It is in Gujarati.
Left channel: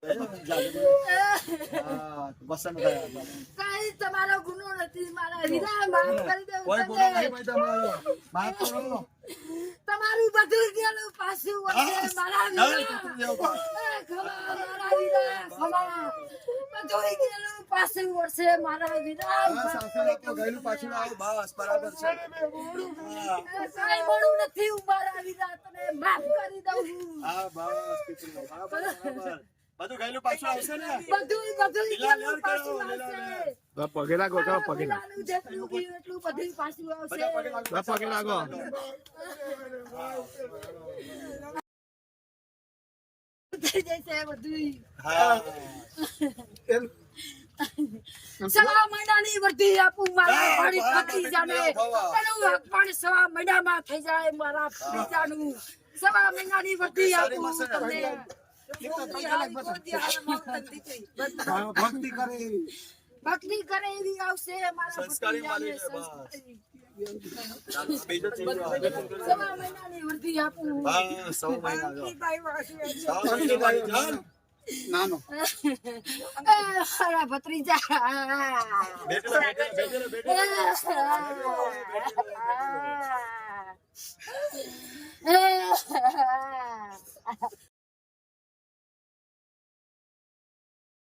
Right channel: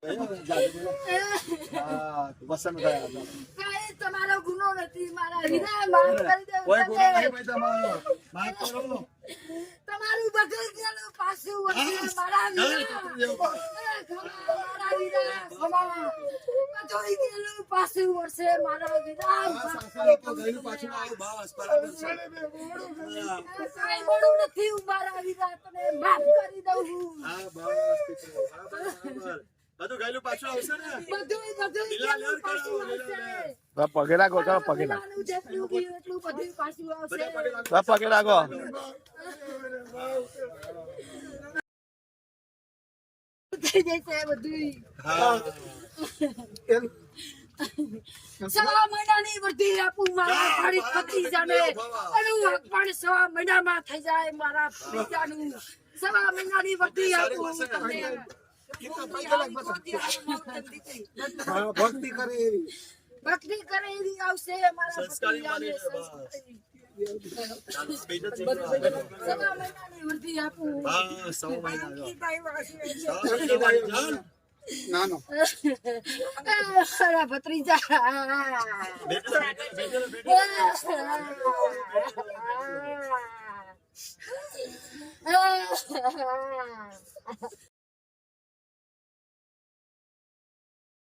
કઈ તમારો ગુનો નથી મારા હીરા માફ કરી દો કોઈ ગુનો નહીં ભાઈ તમારો માફ કરો તમારું બધું ગયેલું પાછું વળશે મારા હીરા મારા હીરા બધું ગયેલું પાછું વળશે મારા હીરા તો ગયેલું પાછું આવે બસ બરાબર છે કઈ મોડું નથી મારા હીરા તમે માફ કરી દઉં હા બસ હા બરાબર બધું ગયેલું પાછું આવશે ને બધું ગયેલું પાછું આવશે પગે લાગો ચાલો પગે લાગો જેટલું ગયું એટલું બધું પાછું આવશે પગે લાગો થઈ જશે બધું હા સવા મહિનાની વર્ધી આપું મારા ભાડી પતિ જાને એનું પણ સવા મહિનામાં થઈ જાય મારા પિતાનું સવા મહિનાની વર્ધી આપું તમને ભક્તિ કરે એવી આવશે મારા સવા મહિનાની વર્ધી આપું નાનો ભત્રીજા